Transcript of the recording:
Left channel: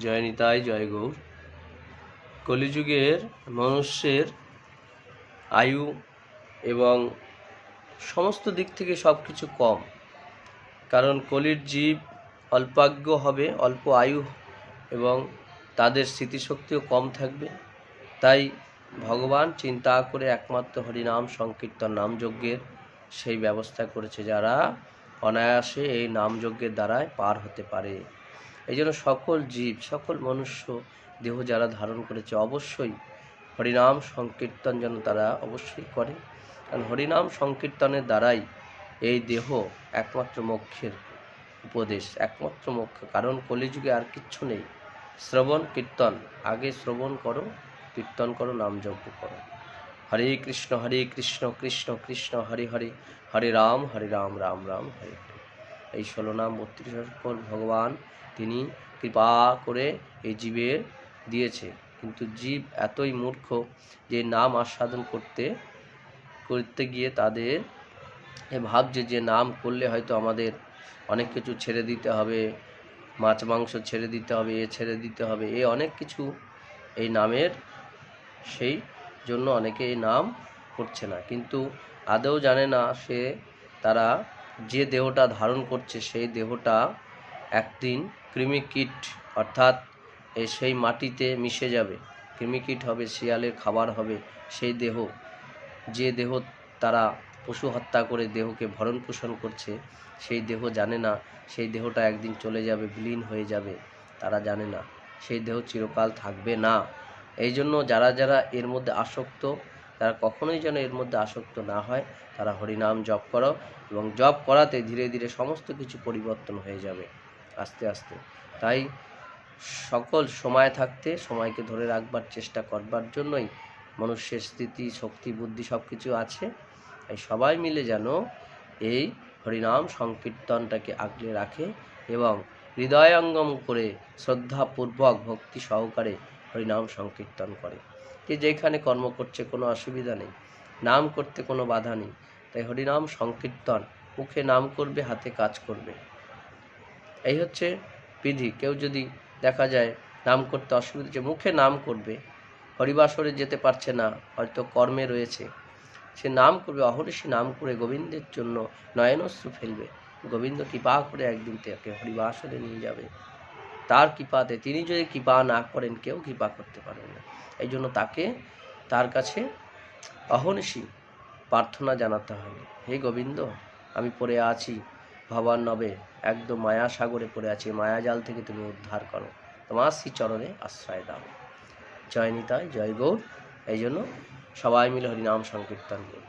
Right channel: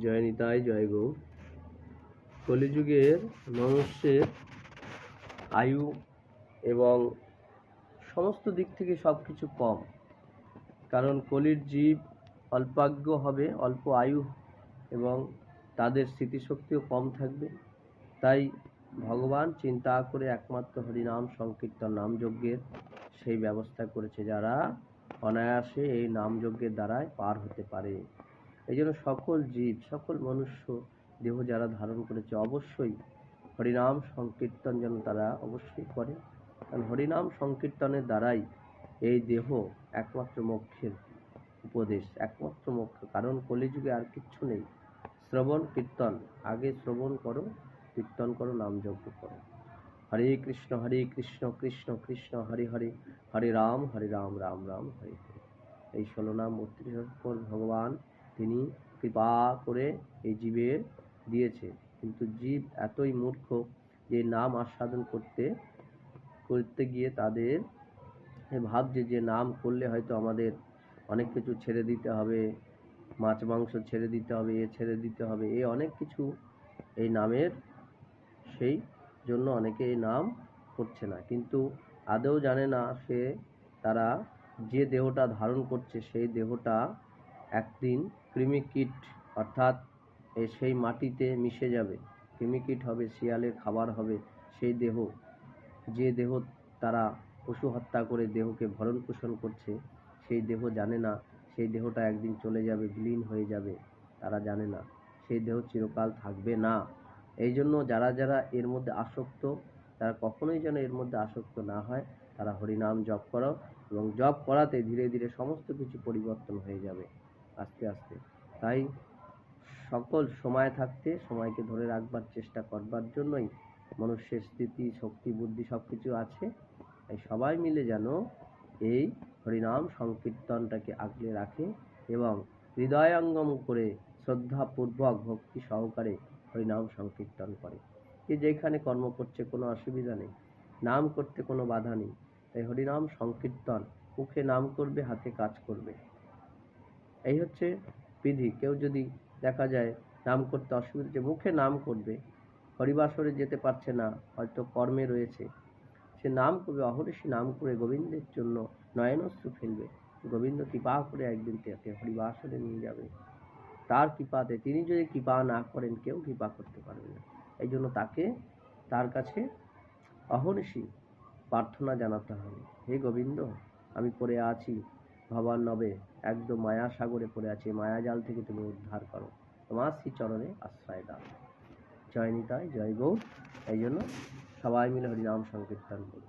জয় নিতাই, জয় গৌর। কলিযুগের মানুষের আয়ু এবং সমস্ত দিক থেকে সব কিছু কম, কারণ কলির জীব অল্পাজ্ঞ হবে, অল্প আয়ু এবং তাদের স্মৃতিশক্তিও কম থাকবে। তাই ভগবান চিন্তা করে একমাত্র হরিনাম সংকীর্তন নামযজ্ঞের সেই ব্যবস্থা করেছে, যারা অনায়াসে এই নামযজ্ঞের দ্বারাই পার হতে পারে। এই জন্য সকল জীব, সকল মনুষ্য দেহ যারা ধারণ করেছে, অবশ্যই হরিনাম সংকীর্তন যেন তারা অবশ্যই করে, কারণ হরিনাম সংকীর্তনের দ্বারাই এই দেহ একমাত্র মোক্ষের উপদেশ, একমাত্র মোক্ষ। কারণ কলিযুগে আর কিচ্ছু নেই। শ্রবণ কীর্তন, আগে শ্রবণ করো, কীর্তন করো, নামযজ্ঞ করো। হরে কৃষ্ণ কৃষ্ণ কৃষ্ণ হরে হরে, হরে রাম রাম রাম হরে হরে। এই 16 নাম 32 অক্ষর ভগবান তিনি কৃপা করে এই জীবের দিয়েছে, কিন্তু জীব এতই মূর্খ যে নাম আস্বাদন করতে গিয়ে তাদের ভাবছে যে নাম করলে হয়তো আমাদের অনেক কিছু ছেড়ে দিতে হবে, মাছ মাংস ছেড়ে দিতে হবে, এ ছেড়ে দিতে হবে, এ অনেক কিছু এই নামের, সেই জন্য অনেকে এই নাম করছে না। কিন্তু আদৌ জানে না সে, তারা যে দেহটা ধারণ করছে সেই দেহটা একদিন কৃমিকীট অর্থাৎ সেই মাটিতে মিশে যাবে, কৃমিকীট হবে, শিয়ালের খাবার হবে সেই দেহ। যে দেহ তারা পশু হত্যা করে দেহকে ভরণ পোষণ করছে, সেই দেহ জানে না সেই দেহটা একদিন চলে যাবে, বিলীন হয়ে যাবে। তারা জানে না সেই দেহ চিরকাল থাকবে না। এই জন্য যারা যারা এর মধ্যে আসক্ত, তারা কখনোই যেন এর মধ্যে আসক্ত না হয়। তারা হরিনাম জপ করো, এবং জপ করাতে ধীরে ধীরে সমস্ত কিছু পরিবর্তন হয়ে যাবে আস্তে আস্তে। তাই সকল সময় থাকতে সময়কে ধরে রাখবার চেষ্টা করবার জন্যই মানুষের স্থিতি, শক্তি, বুদ্ধি সব কিছু আছে। এই সবাই মিলে যেন এই হরিনাম সংকীর্তনটাকে আগলে রাখে এবং হৃদয়ঙ্গম করে শ্রদ্ধাপূর্বক ভক্তি সহকারে হরিনাম সংকীর্তন করে। যে যেখানে কর্ম করছে কোনো অসুবিধা নেই, নাম করতে কোনো বাধা নেই। তাই হরিনাম সংকীর্তন, মুখে নাম করবে, হাতে কাজ করবে, এই হচ্ছে বিধি। কেউ যদি দেখা যায় নাম করতে অসুবিধা হচ্ছে, মুখে নাম করবে, হরিবাসরে যেতে পারছে না, হয়তো কর্মে রয়েছে, সে নাম করবে, অহর্নিশি নাম করে গোবিন্দের জন্য নয়নশ্রু ফেলবে। গোবিন্দ কৃপা করে একদিন তাকে হরিবাসরে নিয়ে যাবে। তার কৃপাতে, তিনি যদি কৃপা না করেন কেউ কৃপা করতে পারেন না। এই জন্য তার কাছে অহর্নিশি প্রার্থনা জানাতে হয়, হে গোবিন্দ, আমি পড়ে আছি ভবান্নবে, একদম মায়া সাগরে পড়ে আছি, মায়াজাল থেকে তুমি উদ্ধার করো, তোমার শ্রীচরণে আশ্রয় দাও। জয় নিতাই, জয় গৌর। এই জন্য সবাই মিলে হরিনাম সংকীর্তন করি।